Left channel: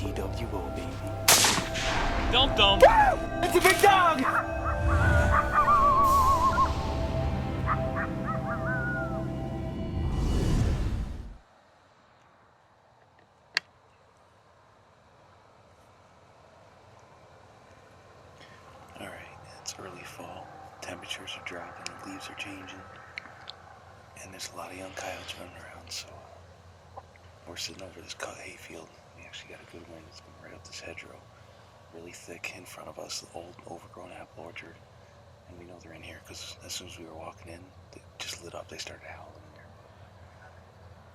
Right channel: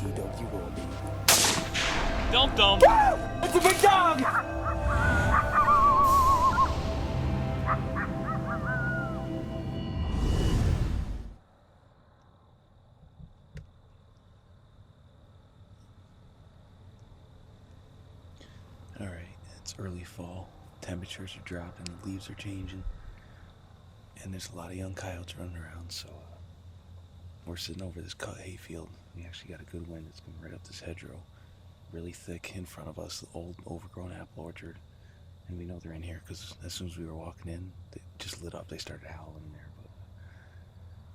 DWO, baby. Dump them! It's a big dog! Alright, it's early fall. Temperatures are dropping, the leaves are changing. And there's a lot of young coyotes running around, so we're sitting over this cut hayfield. We actually got a good wind. It's coming right up this hedgerow. Really thick in front of us, the old overgrown apple orchard. And we know they're in here because as soon as we were walking in, they just lit up. They started howling in there.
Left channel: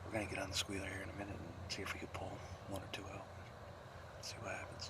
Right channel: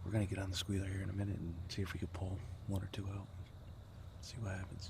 We're gonna get on the squealer here in a minute and see if we could pull one or two out. See what happens.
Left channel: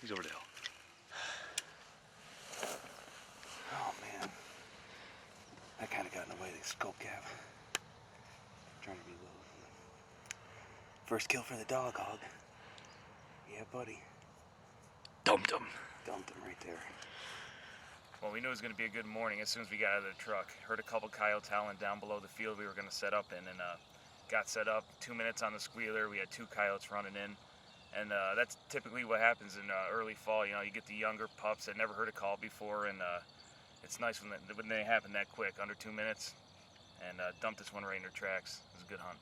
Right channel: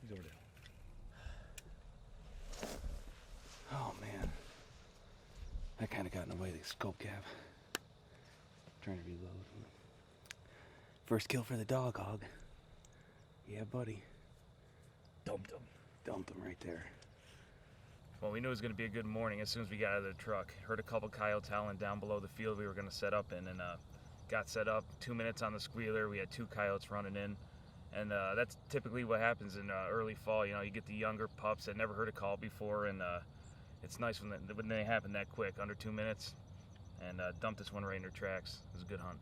He's over the hill. Oh man, that kind of got in the way of the scope cap. Trying to reload. First kill for the dog, Hawg'd. Yeah, buddy. Dumped him. Dumped him right there. Well, we knew it was going to be a good morning as soon as we got out of the truck. Heard a couple coyotes howling down below the field we were going to set up in, and got set up. 2 minutes on the squealer. We had 2 coyotes running in. And that's typically what happens in early fall. You know, you get the younger pups that never heard a call before, and it's nice when they happen that quick, under 2 minutes. And dumped this one right in their tracks. It was a good hunt.